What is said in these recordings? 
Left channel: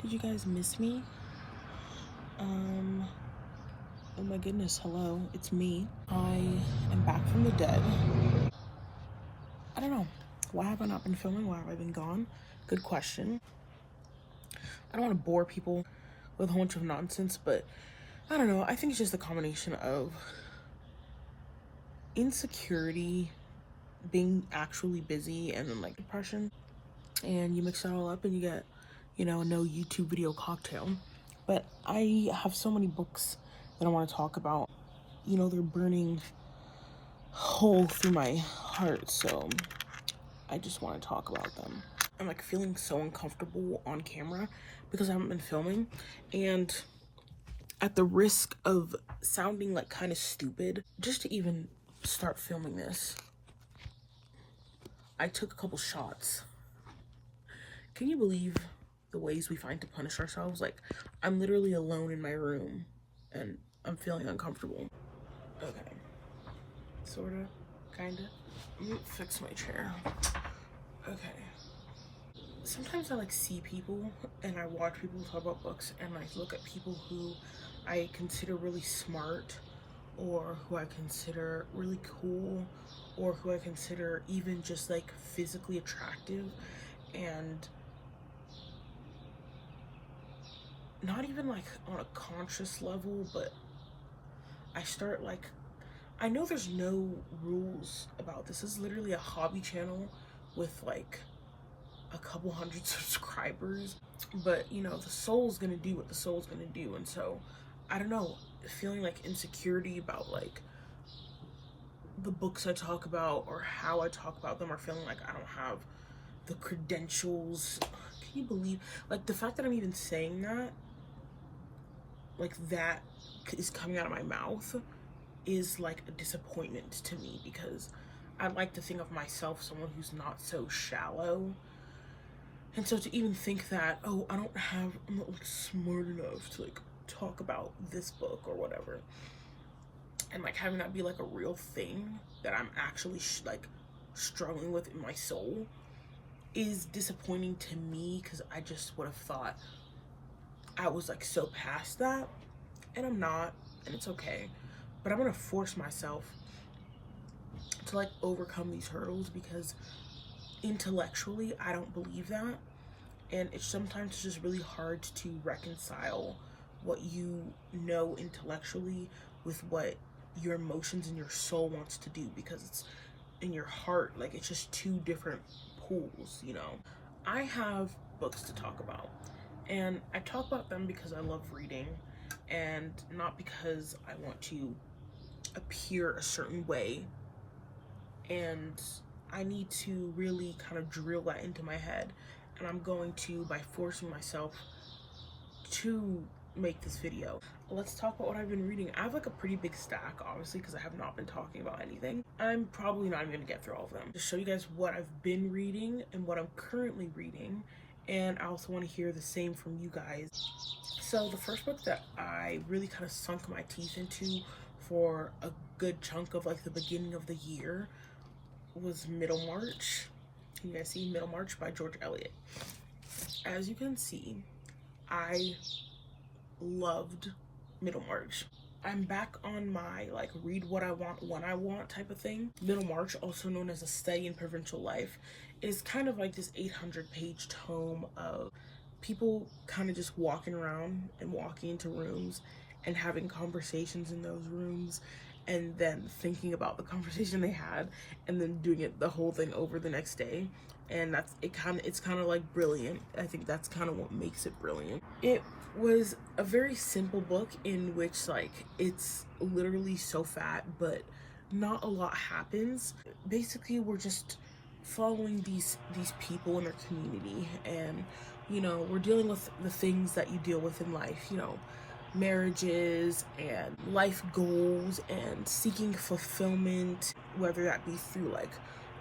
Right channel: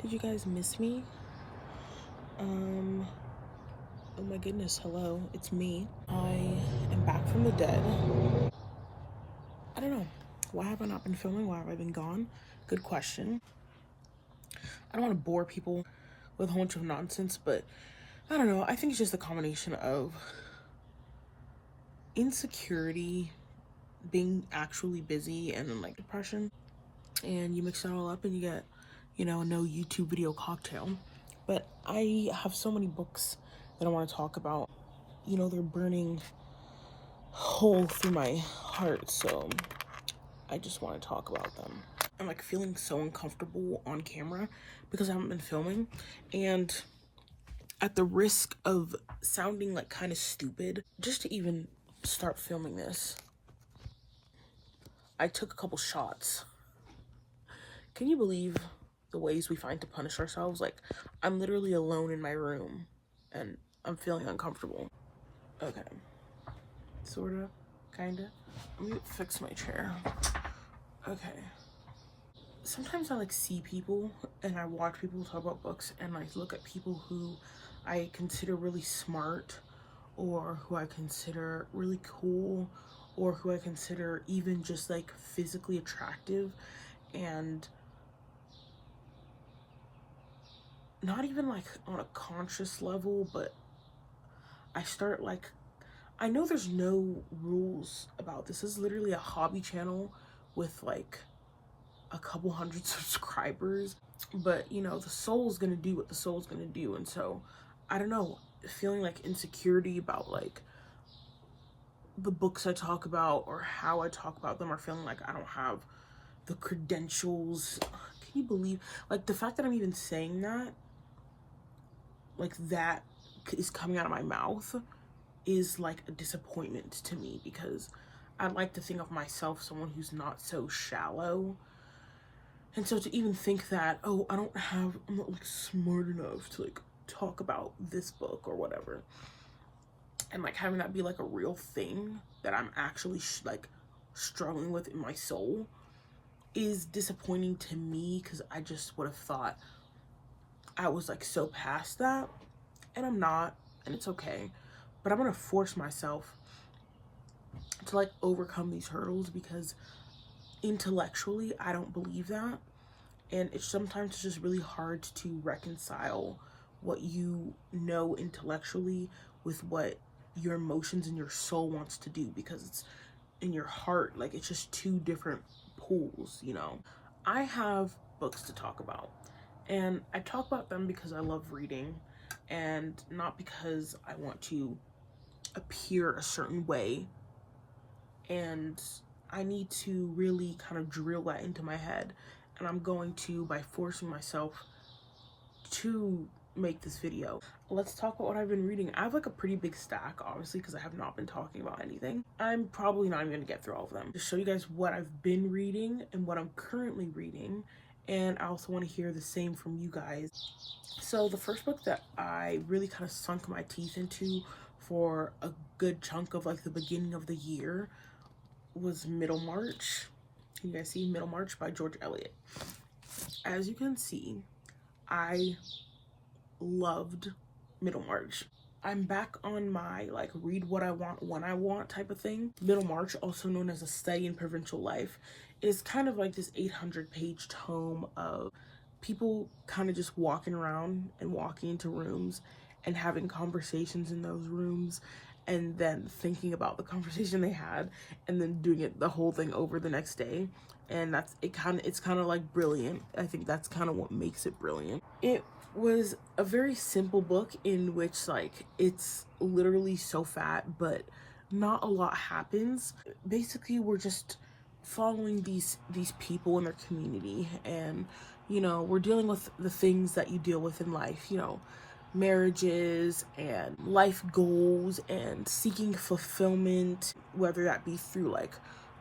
Did you guys miss me? Oh my goodness, hello, it's me. I am back from the dead. I don't know. Why have I not been filming? Why have I been gone? Good question. I don't want to bore people with a whole bunch of nonsense, but I don't know. I think it's just a combination of insecurity, being actually busy, and then like depression. And you mix it all up and you get, a no YouTube video cocktail. But I have so many books that I want to talk about. They're burning hole through my heart, so I just want to talk about them. I'm like feeling so uncomfortable on camera because I haven't been filming, and at the risk of sounding like kind of stupid, just to even start filming this, I took a couple shots. Can you believe the ways we find to punish ourselves? Like, I'm literally alone in my room and I'm feeling uncomfortable. Okay. Sorta, kinda. Let me fix my chair. Okay. Sometimes I like see people and I watch people talk about books and I look at people who I consider really smart, or who I consider really cool, or who I consider even just like physically attractive, and not even like on a conscious level, but I start like, I know there's no rules about this. This is literally a hobby channel with like a couple hundred subscribers, but the soul's gonna do what the soul's gonna do. And so I don't know, feeling like insecurity about like the books I talk about or how I talk about them, or feeling like I don't have the credentials. Can you believe, like, the fact that I'm even saying that, like, that is coming out of my mouth is like a disappointment to me, because I'd like to think of myself someone who's not so shallow. And so to even think that, oh, I'm not like smart enough to like talk about this book or whatever, and like having that be like a real thing that I'm actually like struggling with in my soul, is disappointing to me, because I just would have thought I was like so past that, and I'm not, and it's okay. But I'm gonna force myself to like overcome these hurdles, because intellectually I don't believe that, and it's sometimes just really hard to reconcile what you know intellectually with what your emotions and your soul wants to do, because it's in your heart. Like, it's just two different pools. I have books to talk about, and I talk about them because I love reading, and not because I want to appear a certain way. And I need to really kind of drill that into my head, and I'm going to, by forcing myself to make this video. Let's talk about what I've been reading. I have like a pretty big stack, obviously, because I have not been talking about anything. I'm probably not even gonna get through all of them. To show you guys what I've been reading and what I'm currently reading, and I also want to hear the same from you guys. So the first book that I really kind of sunk my teeth into for a good chunk of like the beginning of the year was Middlemarch. Can you guys see Middlemarch by George Eliot? As you can see, I loved Middlemarch. I'm back on my like read what I want when I want type of thing. Middlemarch, also known as A Study in Provincial Life, is kind of like this 800-page tome of people kind of just walking around and walking into rooms and having conversations in those rooms, and then thinking about the conversation they had, and then doing it the whole thing over the next day. And it's kind of like brilliant. I think that's kind of what makes it brilliant. It was a very simple book in which like it's literally so fat, but not a lot happens. Basically, we're just following these people in their community, and we're dealing with the things that you deal with in life, marriages and life goals and seeking fulfillment, whether that be through like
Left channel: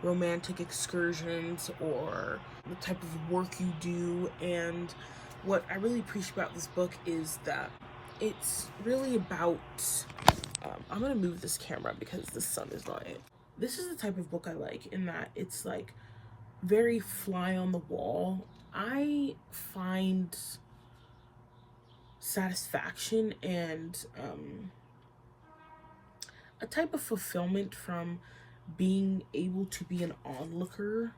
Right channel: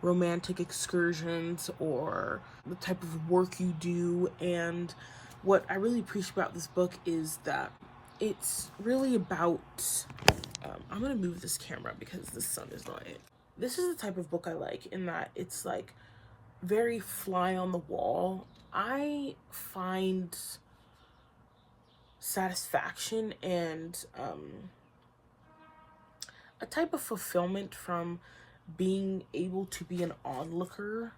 romantic excursions or the type of work you do. And what I really appreciate about this book is that it's really about, I'm gonna move this camera because the sun is on it. This is the type of book I like, in that it's like very fly on the wall. I find satisfaction and a type of fulfillment from being able to be an onlooker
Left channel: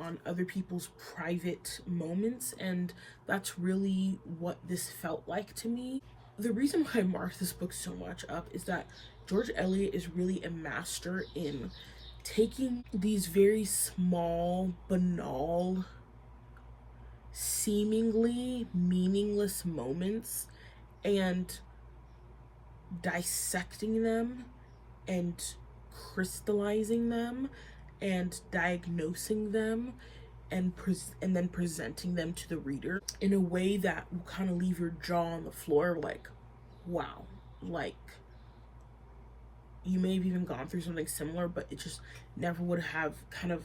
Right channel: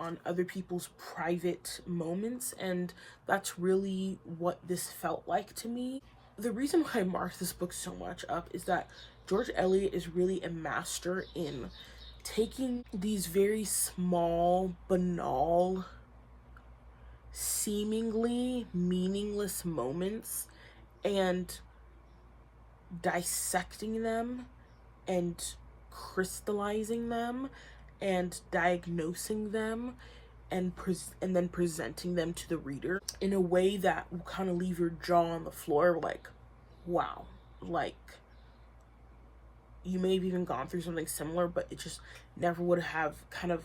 on other people's private moments, and that's really what this felt like to me. The reason why I marked this book so much up is that George Eliot is really a master in taking these very small, banal, seemingly meaningless moments and dissecting them and crystallizing them and diagnosing them and then presenting them to the reader in a way that will kind of leave your jaw on the floor like, wow, like you may have even gone through something similar, but it just never would have kind of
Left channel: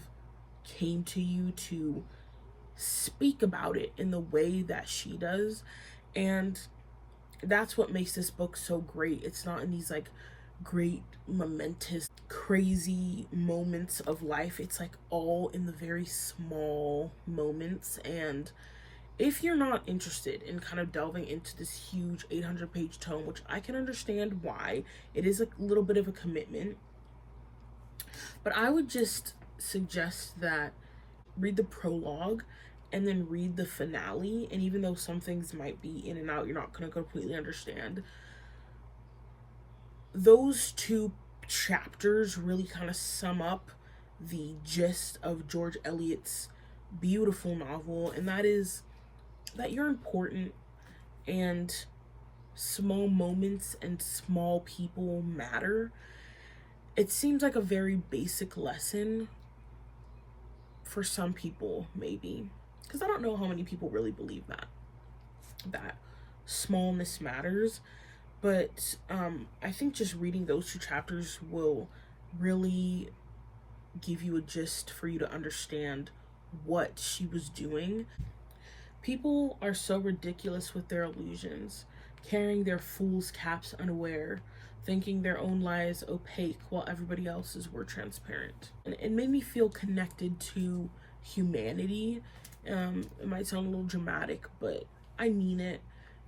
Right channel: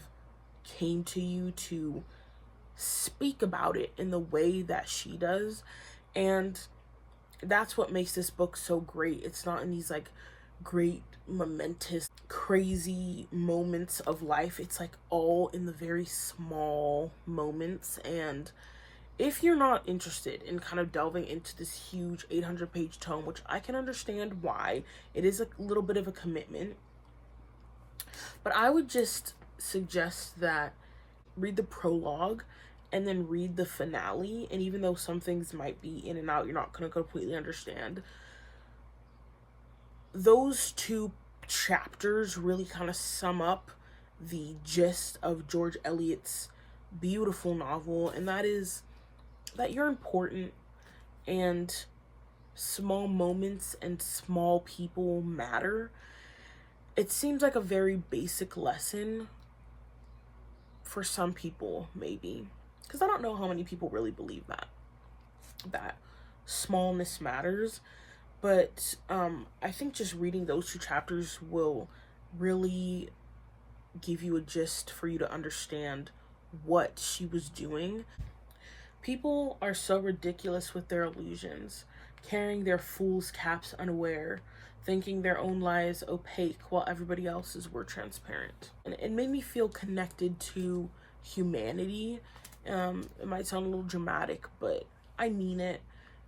came to you to speak about it in the way that she does. And that's what makes this book so great. It's not in these like great momentous crazy moments of life. It's like all in the very small moments. And if you're not interested in kind of delving into this huge 800-page tome, which I can understand why, it is a little bit of a commitment, but I would just suggest that read the prologue and then read the finale. And even though some things might be in and out, you're not going to completely understand, those two chapters really kind of sum up the gist of George Eliot's beautiful novel, and that is that you're important and small moments and small people matter. It seems like a very basic lesson for some people, maybe, because I don't know how many people really believe that smallness matters. But I think just reading those two chapters will really give you a gist for you to understand what she was doing. People are so ridiculous with their illusions, carrying their fool's caps unaware, thinking their own lies opaque while everybody else's were transparent. And it made me feel connected to humanity. It might sound a little dramatic, but I mean it,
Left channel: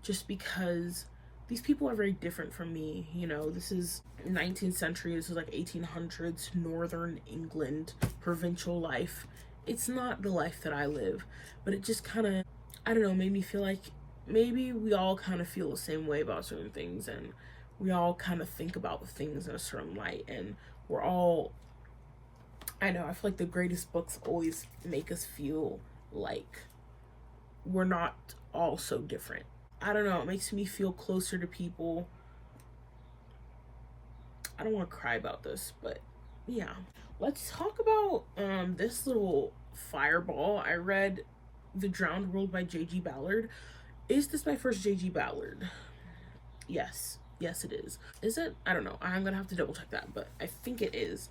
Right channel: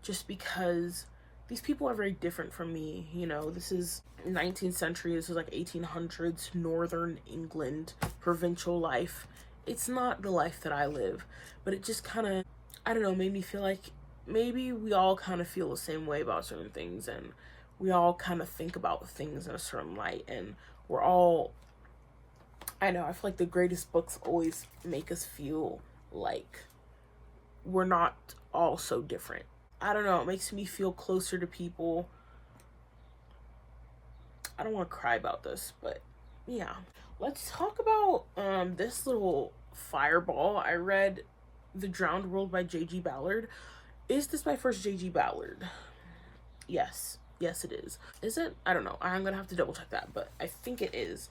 just because these people are very different from me. You know, this is 19th century, this is like 1800s, northern England, provincial life. It's not the life that I live, but it just kind of, I don't know, made me feel like maybe we all kind of feel the same way about certain things, and we all kind of think about things in a certain light, and we're all, I know, I feel like the greatest books always make us feel like we're not all so different. I don't know, it makes me feel closer to people. I don't want to cry about this, but yeah. Let's talk about this little fireball. I read The Drowned World by J.G. Ballard. Is this my first J.G. Ballard? Yes. Yes, it is. Is it? I don't know. I'm gonna have to double check that, but I think it is.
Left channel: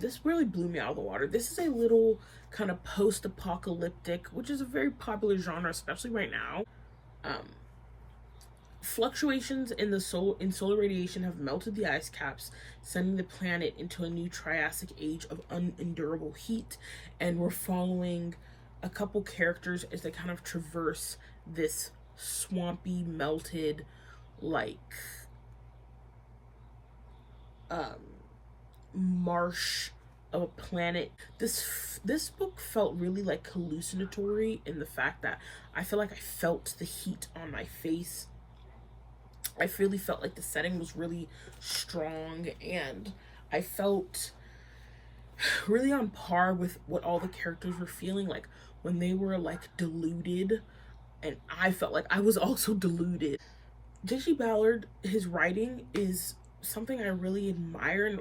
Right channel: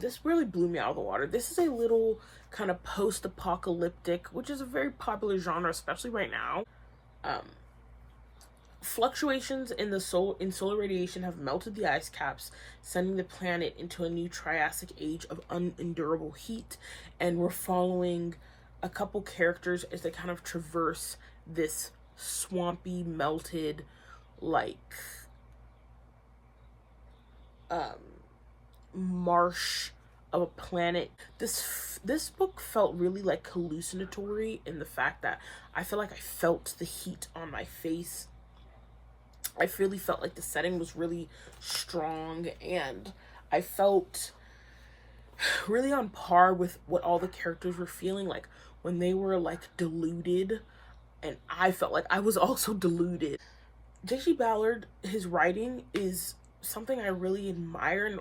This really blew me out of the water. This is a little kind of post-apocalyptic, which is a very popular genre, especially right now. Fluctuations in solar radiation have melted the ice caps, sending the planet into a new Triassic age of unendurable heat, and we're following a couple characters as they kind of traverse this swampy, melted, like marsh of a planet. This book felt really like hallucinatory in the fact that I feel like I felt the heat on my face. I really felt like the setting was really strong, and I felt really on par with what all the characters were feeling like when they were like deluded, and I felt like I was also deluded. J.G. Ballard, his writing is something I really admire and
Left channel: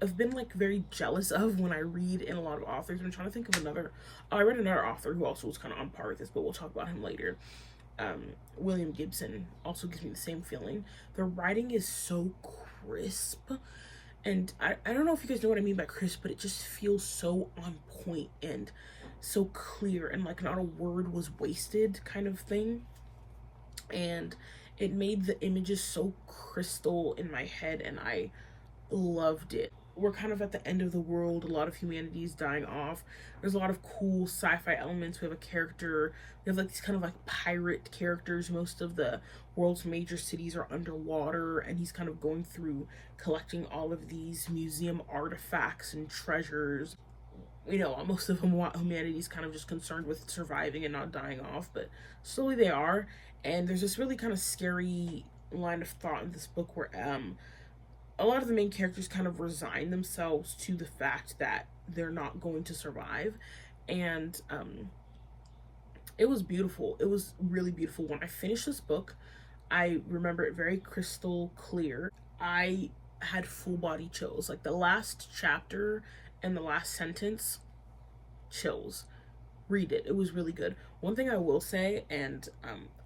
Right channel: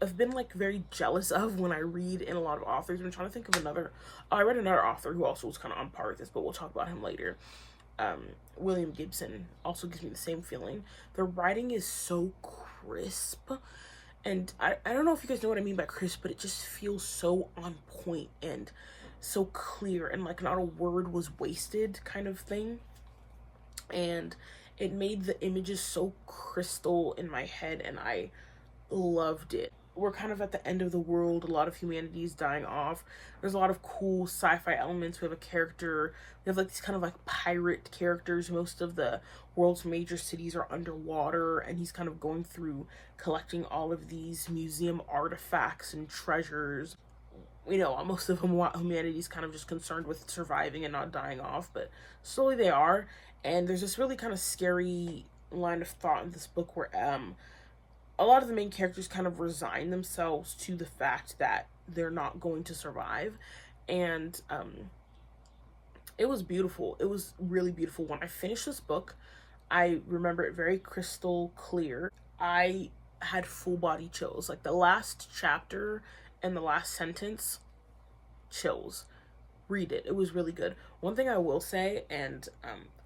I've been like very jealous of when I read in a lot of authors. I'm trying to think of another. I read another author who also was kind of on par with this, but we'll talk about him later. William Gibson also gives me the same feeling. The writing is so crisp, and I don't know if you guys know what I mean by crisp, but it just feels so on point and so clear, and like not a word was wasted kind of thing. And it made the images so crystal in my head, and I loved it. we're kind of at the end of the world. A lot of humanity is dying off. There's a lot of cool sci-fi elements. We have a character. We have like these kind of like pirate characters. Most of the world's major cities are underwater, and he's kind of going through collecting all of these museum artifacts and treasures. You know, most of humanity is kind of just concerned with surviving and not dying off, but slowly they are. And there's this really kind of scary line of thought in this book where a lot of the main characters kind of resign themselves to the fact that they're not going to survive. And it was beautiful. It was really beautiful. When I finished this book, I remember it very crystal clear. I had full body chills. Like the last chapter and the last sentence, chills. Read it. It was really good. One thing I will say, and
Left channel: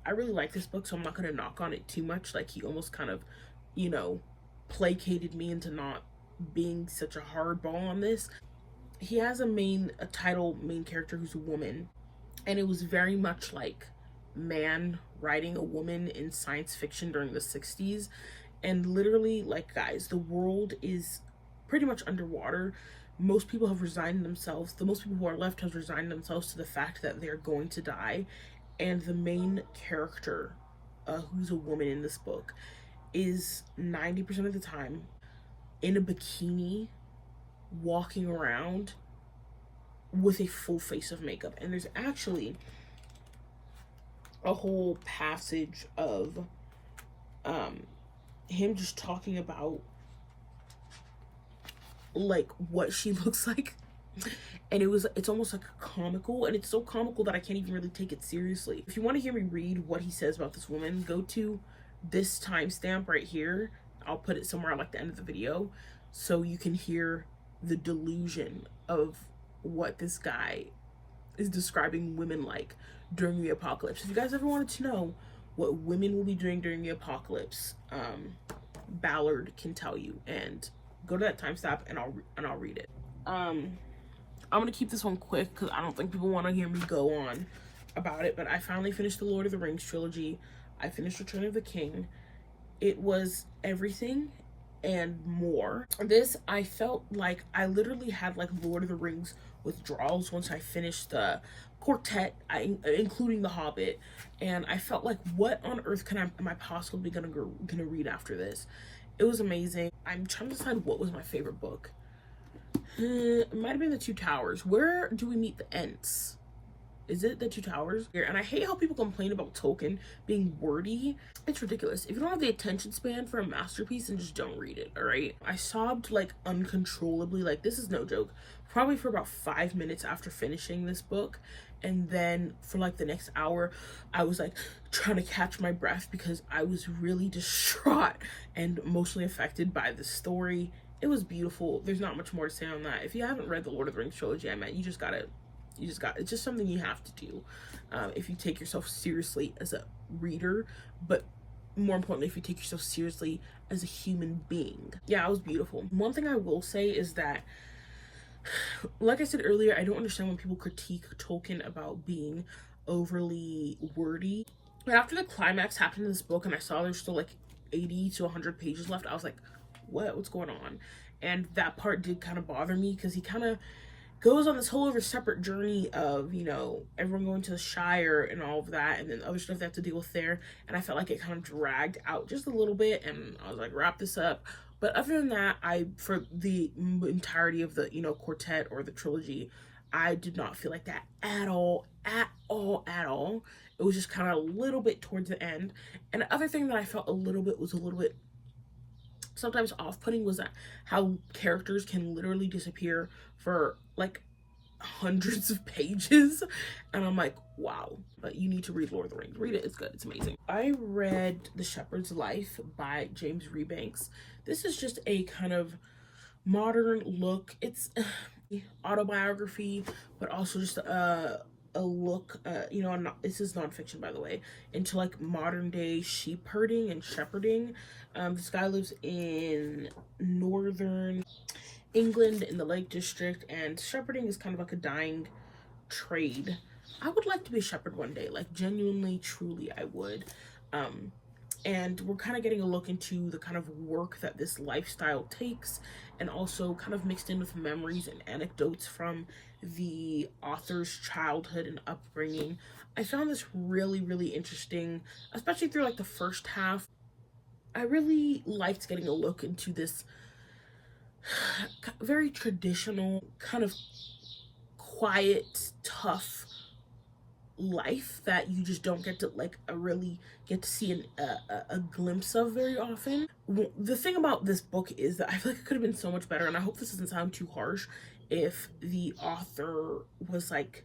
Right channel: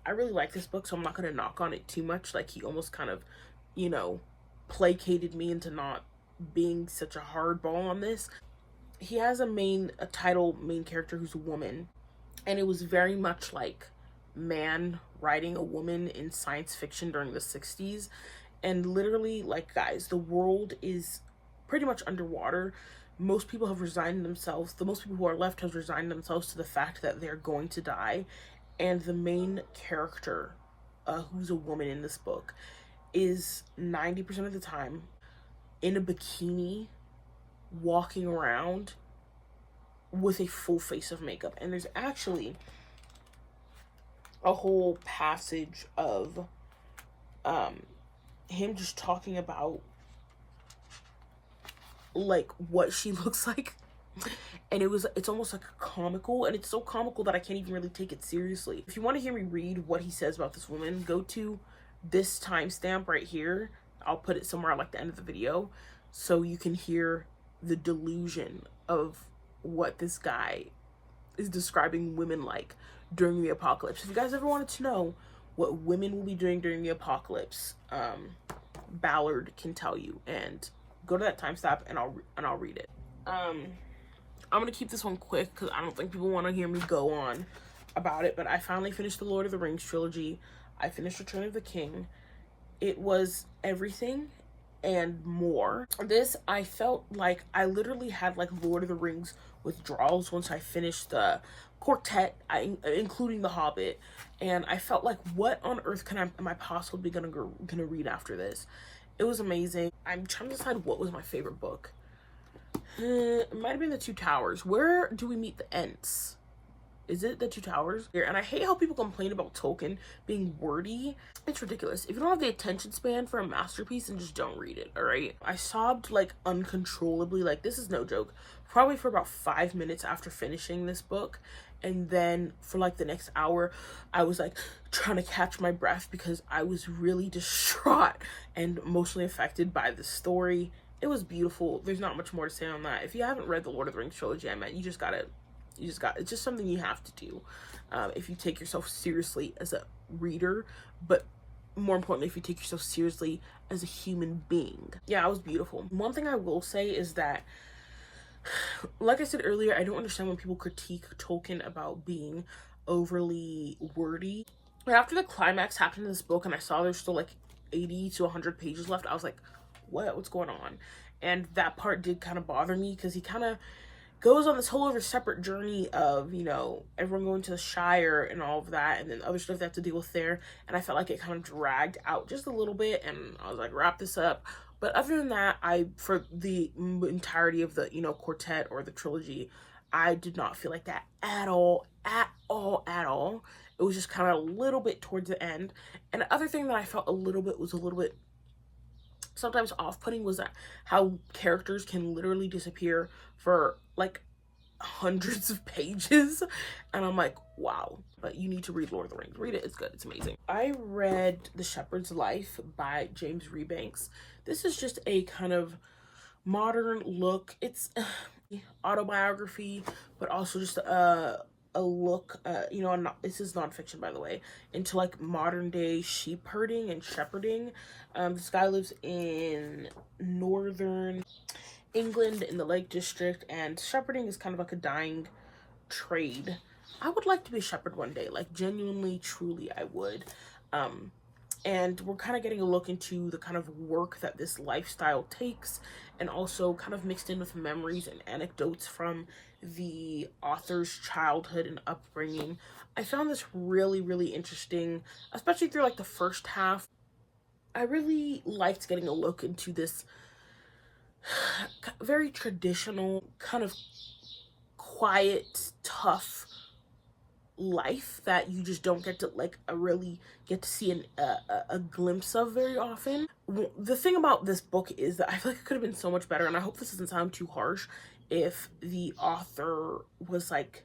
I really like this book, so I'm not going to knock on it too much. Like, he almost kind of, you know, placated me into not being such a hardball on this. He has a title main character who's a woman, and it was very much like man writing a woman in science fiction during the 60s. And literally, like, guys, the world is pretty much underwater. Most people have resigned themselves. The most people who are left have resigned themselves to the fact that they're going to die. And the main character, who's a woman in this book, is 90% of the time in a bikini, walking around with a full face of makeup. And there's actually a whole passage of him just talking about like what she looks like, and it's almost like comical, and it's so comical that I can't even really take it seriously. If you want to hear me read what he says about this woman, go to this timestamp right here. I'll put it somewhere at like the end of the video so you can hear the delusion of what this guy is describing women like during the apocalypse. If you guys ever wanted to know what women will be doing during the apocalypse, Ballard can tell you, and go to that timestamp and I'll read it. I'm gonna keep this one quick because I don't think people want to hear me go on about it, but I finally finished the Lord of the Rings trilogy. I finished Return of the King. It was everything and more. This, I felt like I literally had like Lord of the Rings withdrawals once I finished the quartet, including The Hobbit, and I felt like, what on earth am I possibly gonna read after this? It was amazing. I'm trying to decide what was my favorite book. It might have been The Two Towers. Where do we meet the Ents? Is it The Two Towers? And I hate how people complain about Tolkien being wordy. It's ridiculous. If you don't have the attention span for a masterpiece, then just don't read it, all right? I sobbed like uncontrollably. Like, this is no joke. Probably for about 5 minutes after finishing this book. And then for like the next hour, I was like trying to catch my breath because I was really distraught and emotionally affected by the story. It was beautiful. There's not much more to say on that. If you haven't read the Lord of the Rings trilogy, it's just something you have to do if you take yourself seriously as a reader, but more importantly, if you take yourself seriously as a human being. Yeah, it was beautiful. One thing I will say is that, like I said earlier, I don't understand when people critique Tolkien about being overly wordy. But after the climax happened in this book and I saw there's still like 80 to 100 pages left, I was like, what's going on? And that part did kind of bother me because he kind of goes on this whole other separate journey of, you know, everyone going to the Shire and all of that, and then other stuff they have to deal with there. And I felt like it kind of dragged out just a little bit, and I was like, wrap this up. But other than that, for the entirety of the, you know, quartet or the trilogy, I did not feel like that at all. It was just kind of a little bit towards the end. And the other thing that I felt was a little bit sometimes off-putting was that how characters can literally disappear for like hundreds of pages, and I'm like, wow. But you need to read Lord of the Rings. Read it. It's good. It's amazing. I read The Shepherd's Life by James Rebanks. This is just a kind of modern look. It's autobiography, but also just a look, you know, this is nonfiction, by the way, into like modern day sheep herding and shepherding. This guy lives in northern England in the Lake District, and shepherding is kind of like a dying trade. I would like to be a shepherd one day, like genuinely, truly, I would. And we're kind of getting a look into the kind of work that this lifestyle takes and also kind of mixed in with memories and anecdotes from the author's childhood and upbringing. I found this really, really interesting, especially through like the first half. I really liked getting a look into this very traditional, kind of quiet, tough life that you just don't get to like really get to see a glimpse of very often. The thing about this book is that I feel like it could have been so much better, and I hope this doesn't sound too harsh, if the author was like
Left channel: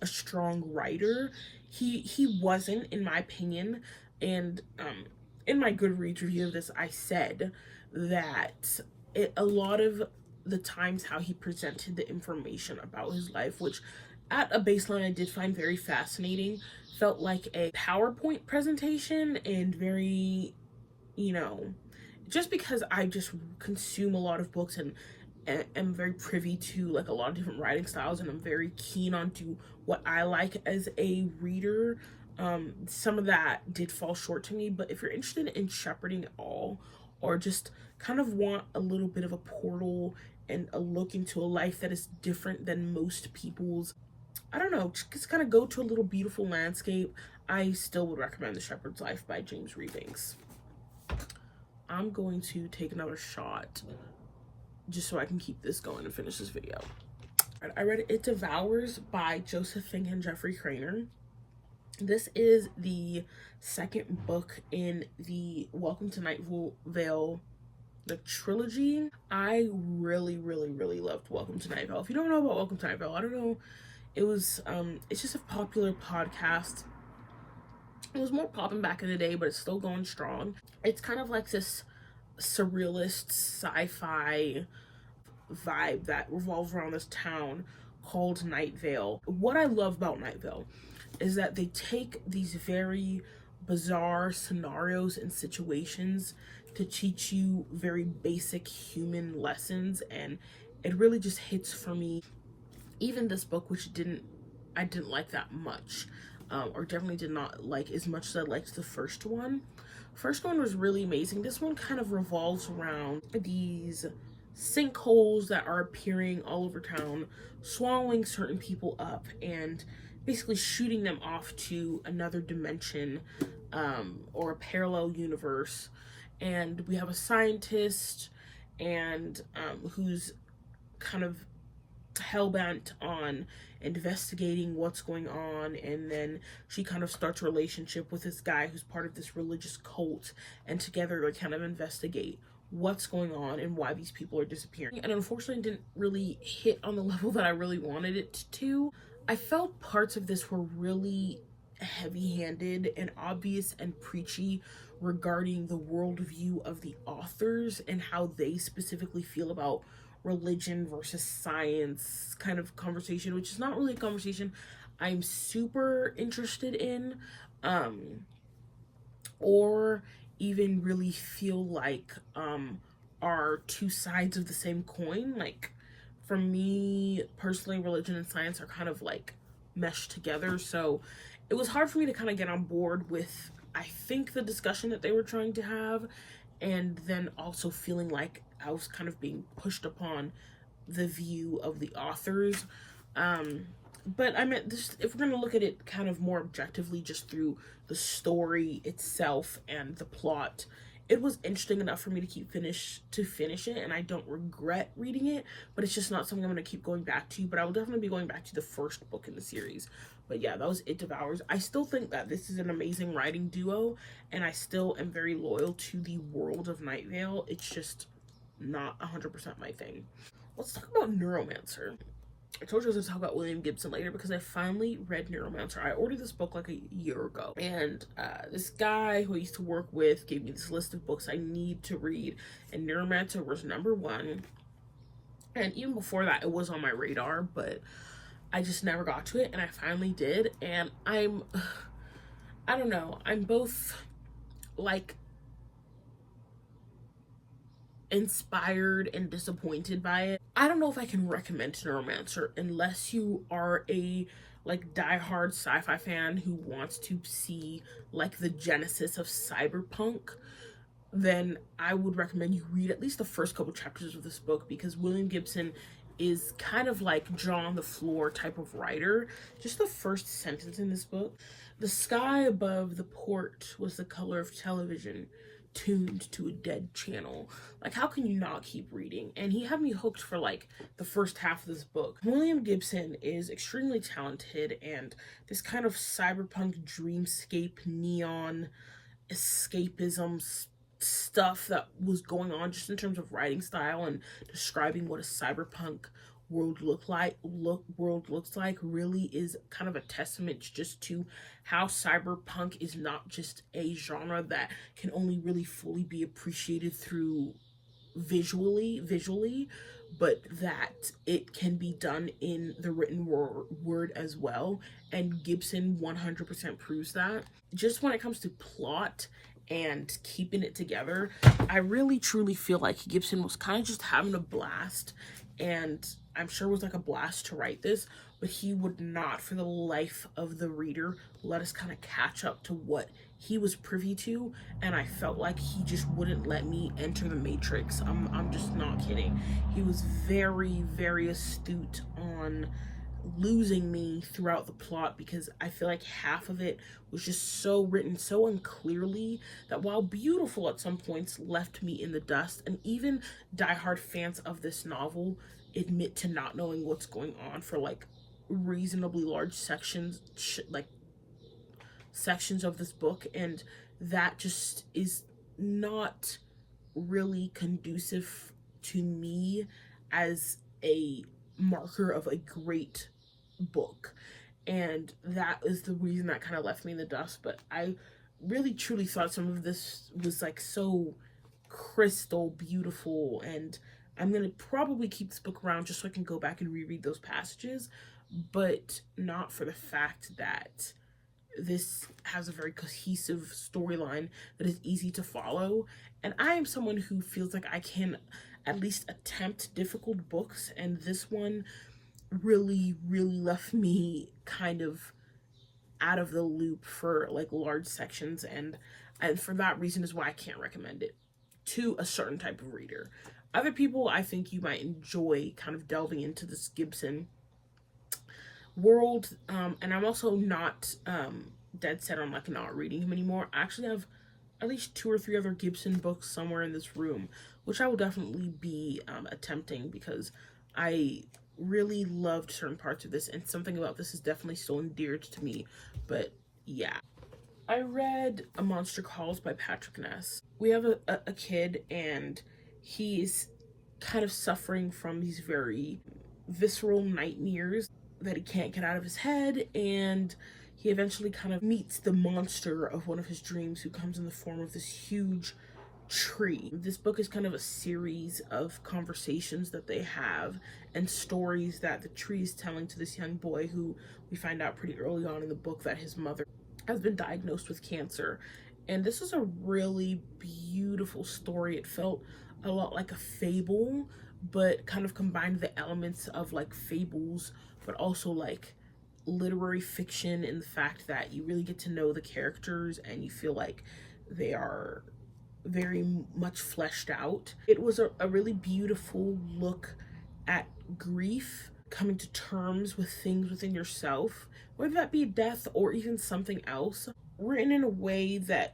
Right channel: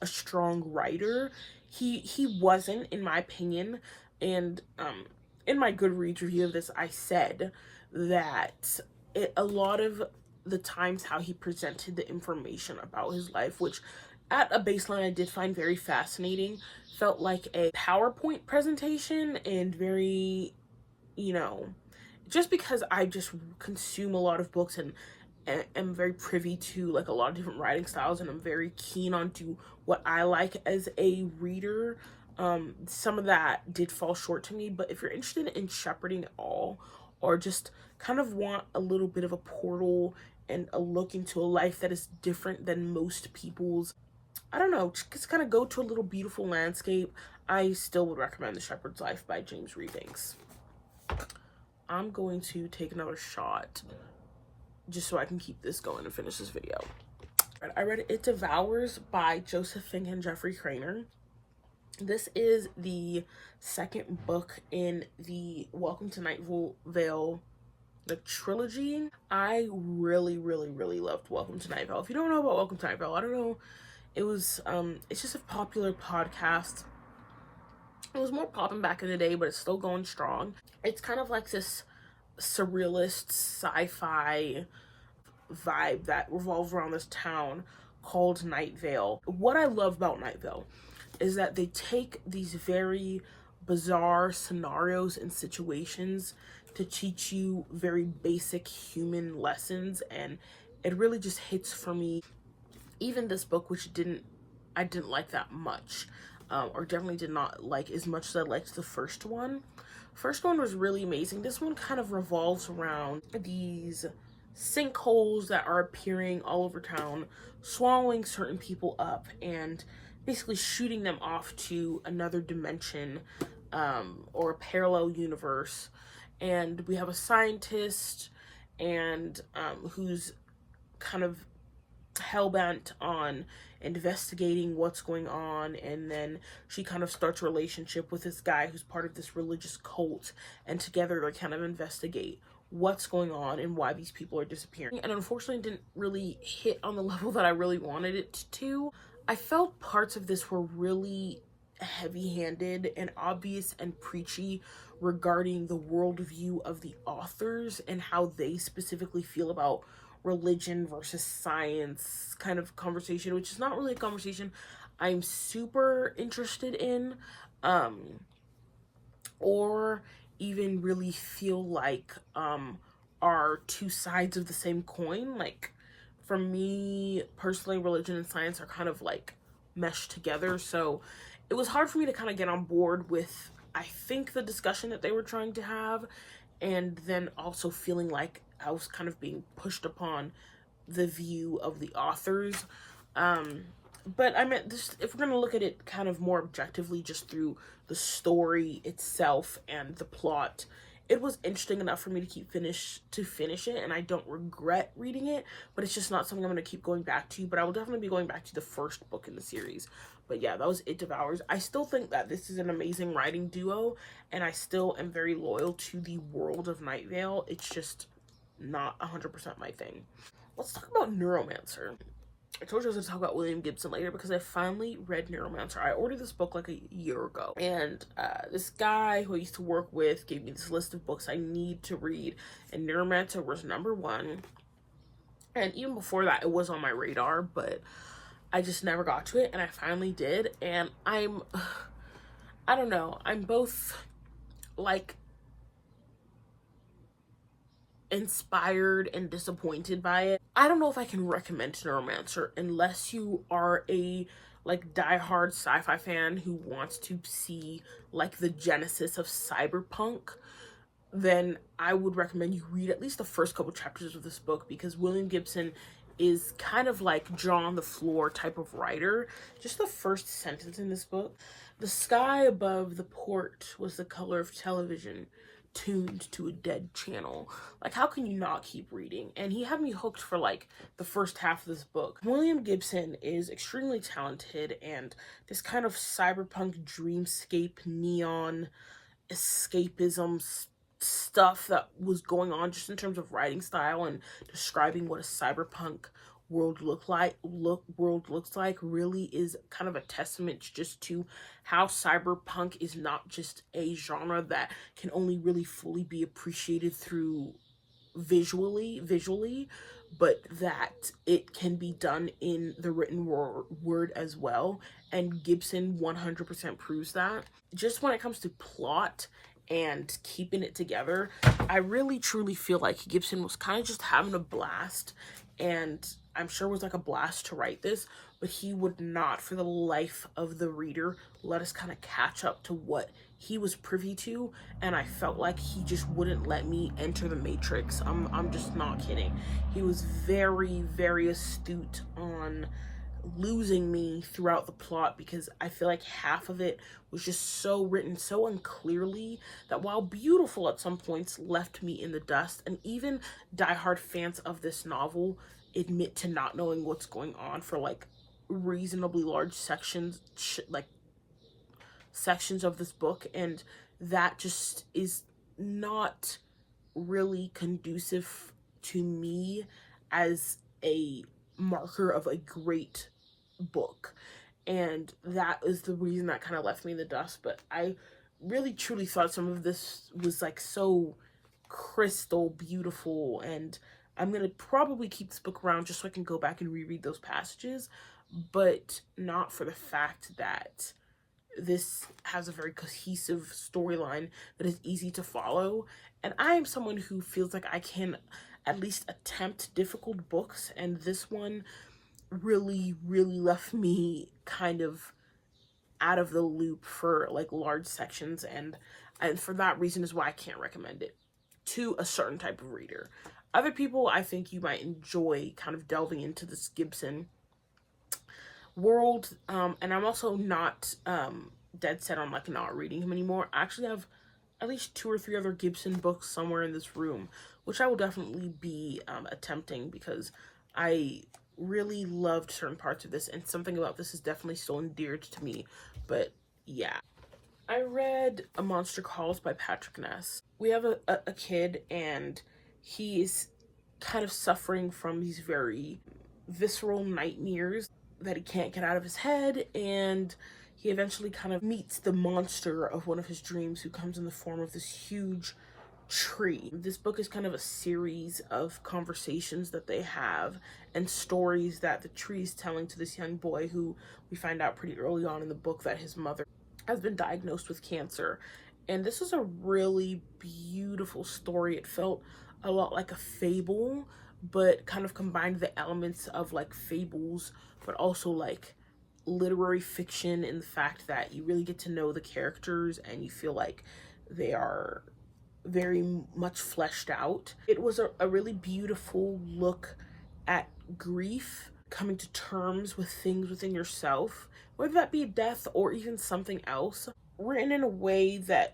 a strong writer. He wasn't, in my opinion, and in my Goodreads review of this, I said that a lot of the times how he presented the information about his life, which at a baseline I did find very fascinating, felt like a PowerPoint presentation, and very, you know, just because I just consume a lot of books and am very privy to like a lot of different writing styles, and I'm very keen onto what I like as a reader. Some of that did fall short to me, but if you're interested in shepherding it all, or just kind of want a little bit of a portal and a look into a life that is different than most people's, I don't know, just kind of go to a little beautiful landscape, I still would recommend The Shepherd's Life by James Rebanks. I'm going to take another shot just so I can keep this going and finish this video. I read It Devours by Joseph Fink and Jeffrey Cranor. This is the second book in the Welcome to Night Vale the trilogy. I really, really, really loved Welcome to Night Vale. If you don't know about Welcome to Night Vale, I don't know, it was it's just a popular podcast. It was more popping back in the day, but it's still going strong. It's kind of like this surrealist sci-fi vibe that revolves around this town called Night Vale. What I love about Night Vale is that they take these very bizarre scenarios and situations to teach you very basic human lessons, and it really just hits for me. Even this book, which I didn't like that much, or definitely did not like as much as I liked the first one. First one was really amazing. This one kind of revolves around these sinkholes that are appearing all over town, swallowing certain people up, and basically shooting them off to another dimension, or a parallel universe. And we have a scientist, and who's kind of hell-bent on investigating what's going on, and then she kind of starts a relationship with this guy who's part of this religious cult, and together they kind of investigate what's going on and why these people are disappearing. And unfortunately, it didn't really hit on the level that I really wanted it to. I felt parts of this were really heavy-handed and obvious and preachy regarding the worldview of the authors and how they specifically feel about religion versus science kind of conversation, which is not really a conversation I'm super interested in, or even really feel like are two sides of the same coin. Like, for me personally, religion and science are kind of like meshed together, so it was hard for me to kind of get on board with, I think, the discussion that they were trying to have, and then also feeling like I was kind of being pushed upon the view of the authors. But I mean, this, if we're going to look at it kind of more objectively, just through the story itself and the plot, it was interesting enough for me to finish it, and I don't regret reading it, but it's just not something I'm going to keep going back to. But I will definitely be going back to the first book in the series. But yeah, that was It Devours. I still think that this is an amazing writing duo, and I still am very loyal to the world of Night Vale. It's just not 100% my thing. Let's talk about Neuromancer. I told you I was going to talk about William Gibson later because I finally read Neuromancer. I ordered this book like a year ago, and this guy who I used to work with gave me this list of books I need to read, and Neuromancer was number one. And even before that, it was on my radar, but I just never got to it, and I finally did. And I don't know, I'm both like inspired and disappointed by it. I don't know if I can recommend Neuromancer unless you are a like diehard sci-fi fan who wants to see like the genesis of cyberpunk. then I would recommend you read at least the first couple chapters of this book, because William Gibson is kind of like jaw on the floor type of writer. Just the first sentence in this book: the sky above the port was the color of television tuned to a dead channel. Like, how can you not keep reading? And he had me hooked for like the first half of this book. William Gibson is extremely talented, and this kind of cyberpunk dreamscape neon escapism stuff that was going on just in terms of writing style and describing what a cyberpunk world looks like really is kind of a testament just to how cyberpunk is not just a genre that can only really fully be appreciated through visually, but that it can be done in the written word as well. And Gibson 100% proves that. Just when it comes to plot and keeping it together, I really truly feel like Gibson was kind of just having a blast, and I'm sure it was like a blast to write this, but he would not for the life of the reader let us kind of catch up to what he was privy to, and I felt like he just wouldn't let me enter the matrix. I'm just not kidding. He was very, very astute on losing me throughout the plot, because I feel like half of it was just so written so unclearly that, while beautiful at some points, left me in the dust. And even diehard fans of this novel admit to not knowing what's going on for like reasonably large sections of this book, and that just is not really conducive to me as a marker of a great book. And that is the reason that kind of left me in the dust. But I really truly thought some of this was like so crystal beautiful, and I'm gonna probably keep this book around just so I can go back and reread those passages, but not for the fact that this has a very cohesive storyline that is easy to follow. And I am someone who feels like I can at least attempt difficult books, and this one really left me kind of out of the loop for like large sections, and for that reason is why I can't recommend it to a certain type of reader. Other people, I think you might enjoy kind of delving into this Gibson world, and I'm also not dead set on like not reading him anymore. I actually have at least 2 or 3 other Gibson books somewhere in this room, which I will definitely be attempting, because I really loved certain parts of this, and something about this is definitely still endeared to me. But yeah, I read A Monster Calls by Patrick Ness. We have a kid, and he's kind of suffering from these very visceral nightmares that he can't get out of his head, and he eventually kind of meets the monster of one of his dreams, who comes in the form of this huge tree. This book is kind of a series of conversations that they have and stories that the tree is telling to this young boy, who we find out pretty early on in the book that his mother has been diagnosed with cancer. And this is a really beautiful story. It felt a lot like a fable, but kind of combined the elements of like fables, but also like literary fiction, in the fact that you really get to know the characters and you feel like they are very much fleshed out. It was a really beautiful look at grief, coming to terms with things within yourself, whether that be death or even something else, written in a way that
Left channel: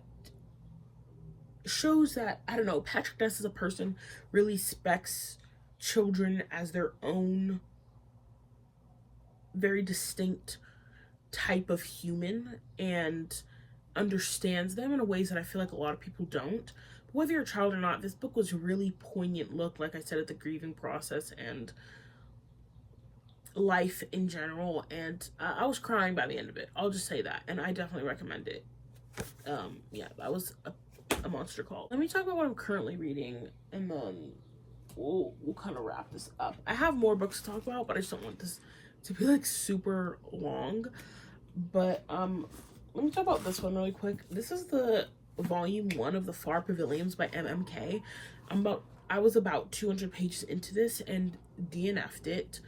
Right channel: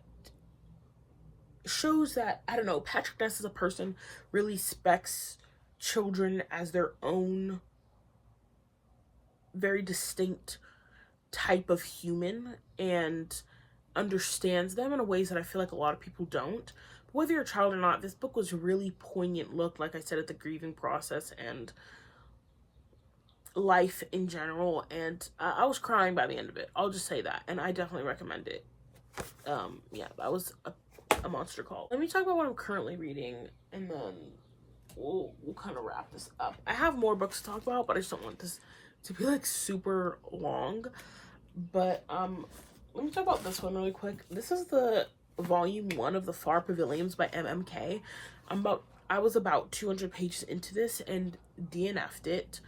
shows that, I don't know, Patrick Ness as a person really respects children as their own very distinct type of human, and understands them in ways that I feel like a lot of people don't. But whether you're a child or not, this book was a really poignant look, like I said, at the grieving process and life in general, and I was crying by the end of it. I'll just say that, and I definitely recommend it. Yeah, that was a monster call. Let me talk about what I'm currently reading, and then we'll kind of wrap this up. I have more books to talk about, but I just don't want this to be like super long. But let me talk about this one really quick. This is the volume 1 of the Far Pavilions by MMK. I was about 200 pages into this and DNF'd it.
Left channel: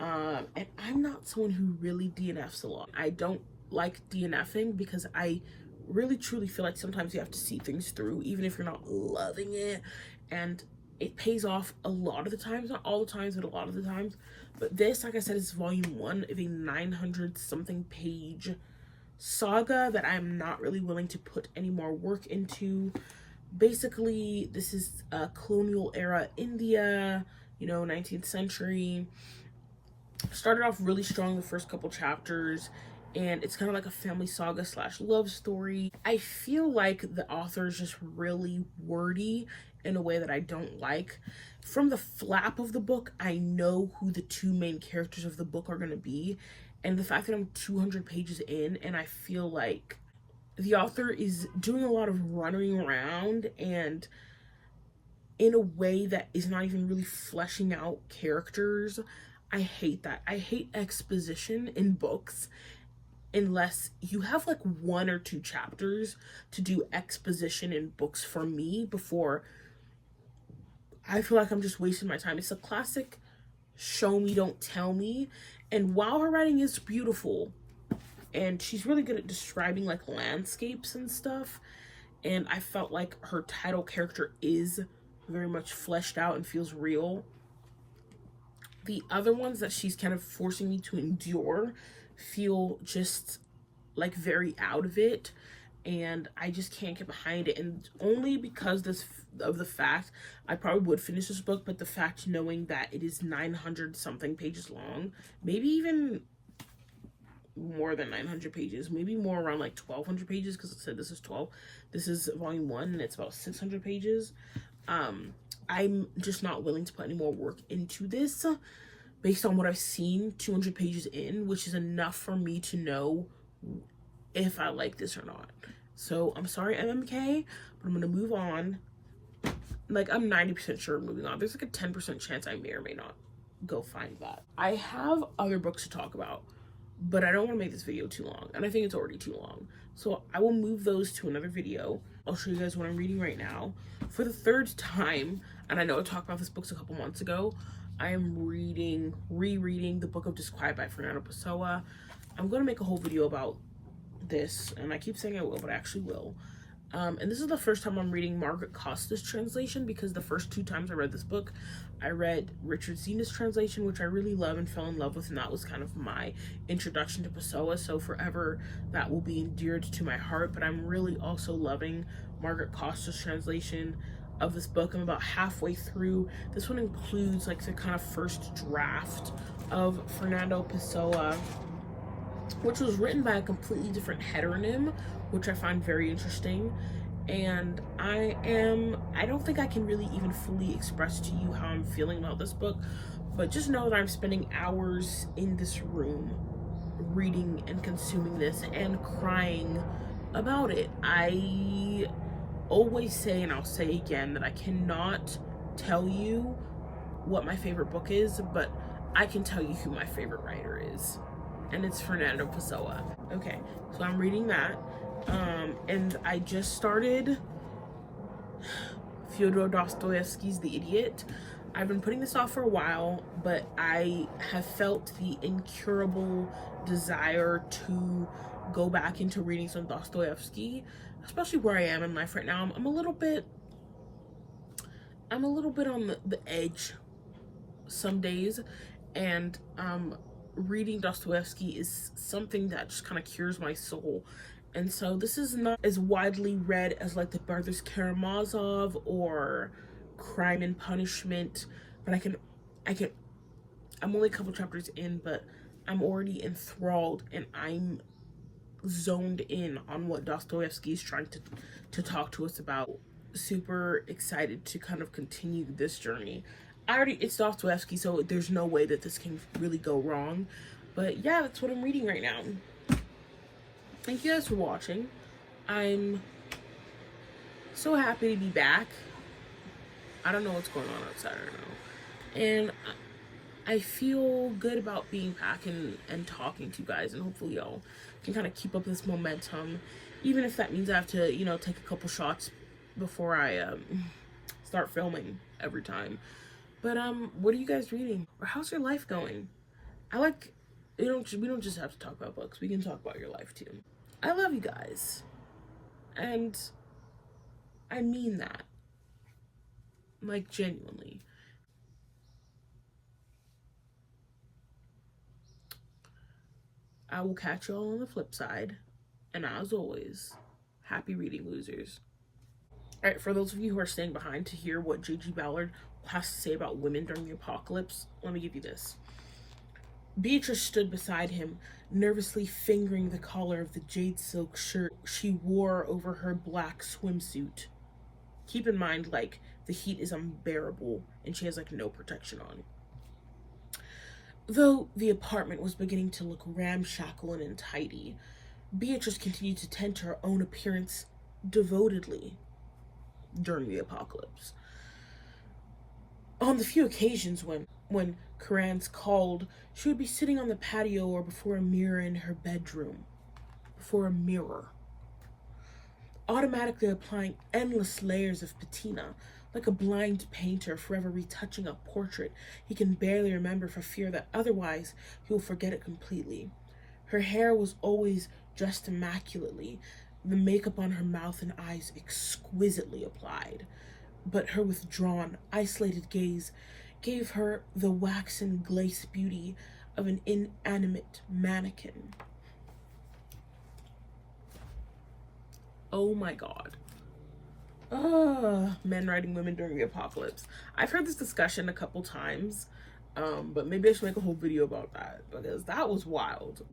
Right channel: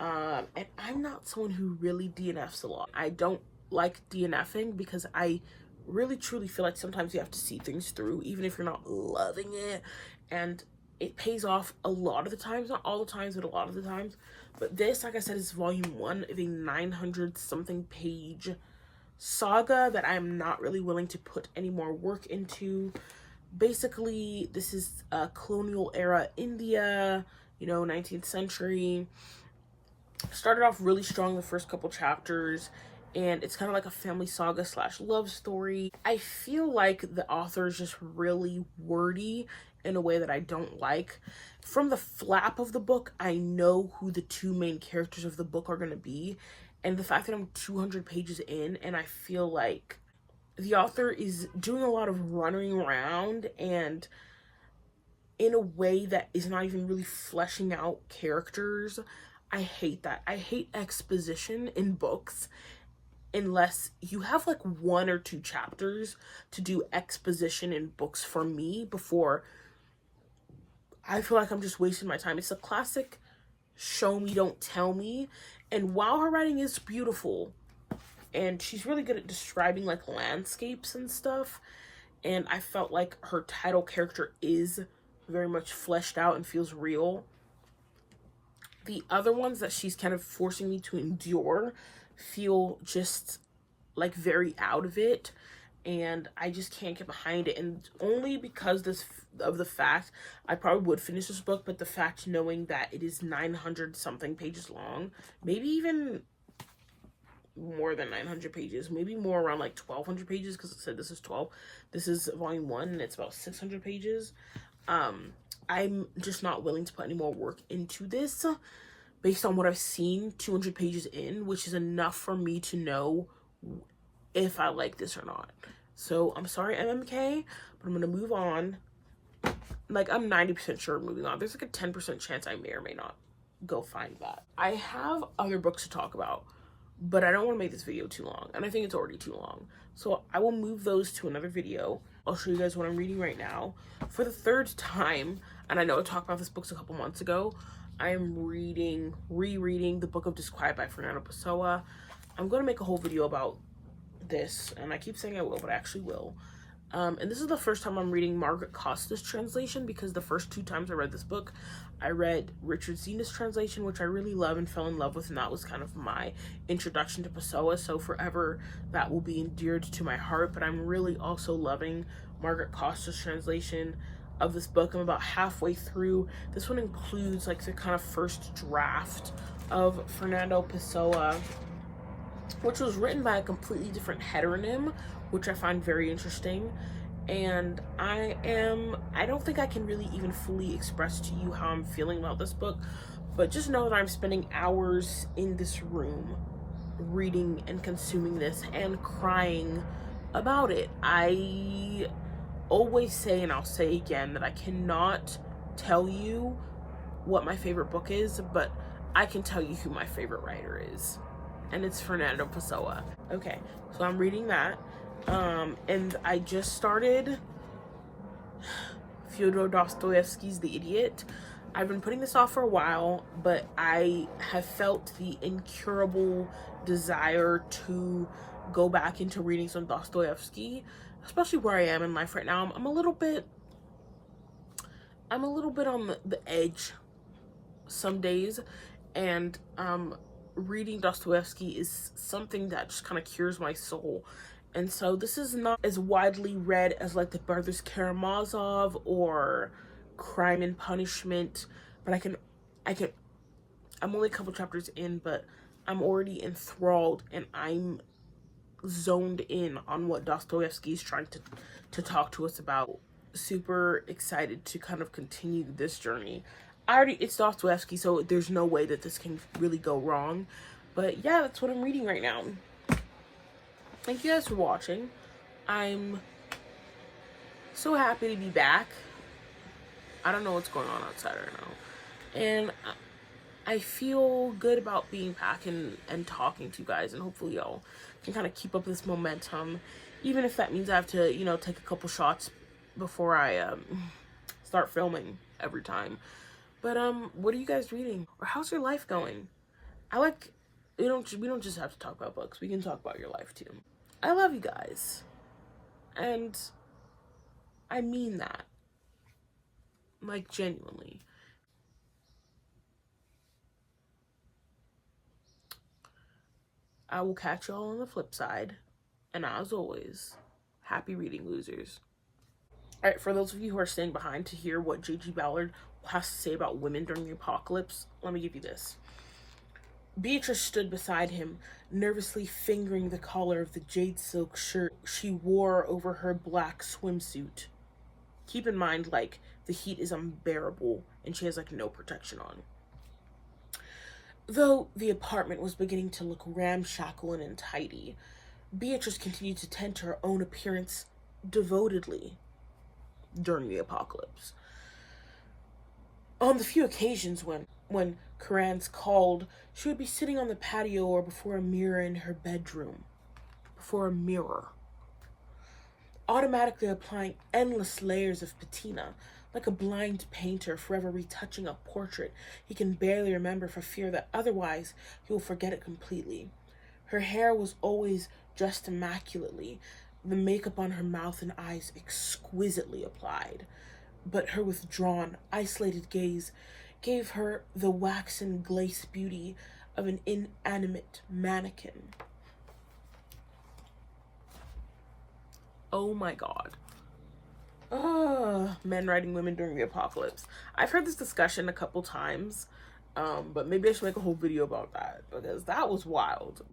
And I'm not someone who really DNFs a lot. I don't like DNFing because I really truly feel like sometimes you have to see things through, even if you're not loving it. And it pays off a lot of the times, not all the times, but a lot of the times. But this, like I said, is volume 1 of a 900 something page saga that I'm not really willing to put any more work into. Basically, this is colonial era India, you know, 19th century. Started off really strong the first couple chapters, and it's kind of like a family saga slash love story. I feel like the author is just really wordy in a way that I don't like. From the flap of the book, I know who the two main characters of the book are going to be, and the fact that I'm 200 pages in and I feel like the author is doing a lot of running around and in a way that is not even really fleshing out characters. I hate that. I hate exposition in books unless you have like 1 or 2 chapters to do exposition in books for me before I feel like I'm just wasting my time. It's a classic show me, don't tell me. And while her writing is beautiful, and she's really good at describing like landscapes and stuff, and I felt like her title character is very much fleshed out and feels real, the other ones that she's kind of forcing me to endure feel just like very out of it, and I just can't get behind it. And only because of the fact I probably would finish this book, but the fact knowing that it is 900 something pages long, maybe even more than 900 pages, maybe more around like 1200 pages, because it said this is 12. This is volume 1 and it's about 600 pages. I'm just not willing to put any more work into this based on what I've seen 200 pages in, which is enough for me to know if I like this or not. So I'm sorry, MMK, but I'm gonna move on. Like, I'm 90% sure I'm moving on. There's like a 10% chance I may or may not go find that. I have other books to talk about, but I don't want to make this video too long, and I think it's already too long. So I will move those to another video. I'll show you guys what I'm reading right now. For the 3rd time, and I know I talked about this book a couple months ago, I am rereading The Book of Disquiet by Fernando Pessoa. I'm going to make a whole video about this, and I keep saying I will, but I actually will. And this is the first time I'm reading Margaret Costa's translation, because the first 2 times I read this book, I read Richard Zena's translation, which I really love and fell in love with, and that was kind of my introduction to Pessoa, so forever that will be endeared to my heart. But I'm really also loving Margaret Costa's translation of this book. I'm about halfway through. This one includes like the kind of first draft of Fernando Pessoa, which was written by a completely different heteronym, which I find very interesting. And I don't think I can really even fully express to you how I'm feeling about this book, but just know that I'm spending hours in this room reading and consuming this and crying about it. I always say, and I'll say again, that I cannot tell you what my favorite book is, but I can tell you who my favorite writer is, and it's Fernando Pessoa. Okay, so I'm reading that, and I just started Fyodor Dostoevsky's The Idiot. I've been putting this off for a while, but I have felt the incurable desire to go back into reading some Dostoevsky, especially where I am in life right now. I'm a little bit on the edge some days, and reading Dostoevsky is something that just kind of cures my soul. And so this is not as widely read as like the Brothers Karamazov or Crime and Punishment, but I'm only a couple chapters in, but I'm already enthralled and I'm zoned in on what Dostoevsky is trying to talk to us about. Super excited to kind of continue this journey. It's Dostoevsky, so there's no way that this can really go wrong. But yeah, that's what I'm reading right now. Thank you guys for watching. I'm so happy to be back. I don't know what's going on outside right now. And I feel good about being back and talking to you guys, and hopefully y'all can kind of keep up this momentum, even if that means I have to, you know, take a couple shots before I start filming every time. But what are you guys reading, or how's your life going? We don't just have to talk about books. We can talk about your life too. I love you guys. And I mean that. Like, genuinely. I will catch y'all on the flip side. And as always, happy reading, losers. Alright, for those of you who are staying behind to hear what J.G. Ballard has to say about women during the apocalypse, let me give you this. Beatrice stood beside him, nervously fingering the collar of the jade silk shirt she wore over her black swimsuit. Keep in mind, like, the heat is unbearable and she has, like, no protection on. Though the apartment was beginning to look ramshackle and untidy, Beatrice continued to tend to her own appearance devotedly during the apocalypse. On the few occasions when Carrans called, she would be sitting on the patio or before a mirror in her bedroom. Before a mirror. Automatically applying endless layers of patina, like a blind painter forever retouching a portrait he can barely remember for fear that otherwise he will forget it completely. Her hair was always dressed immaculately, the makeup on her mouth and eyes exquisitely applied, but her withdrawn, isolated gaze gave her the waxen glace beauty of an inanimate mannequin. Oh my god. Men writing women during the apocalypse. I've heard this discussion a couple times, but maybe I should make a whole video about that, because that was wild.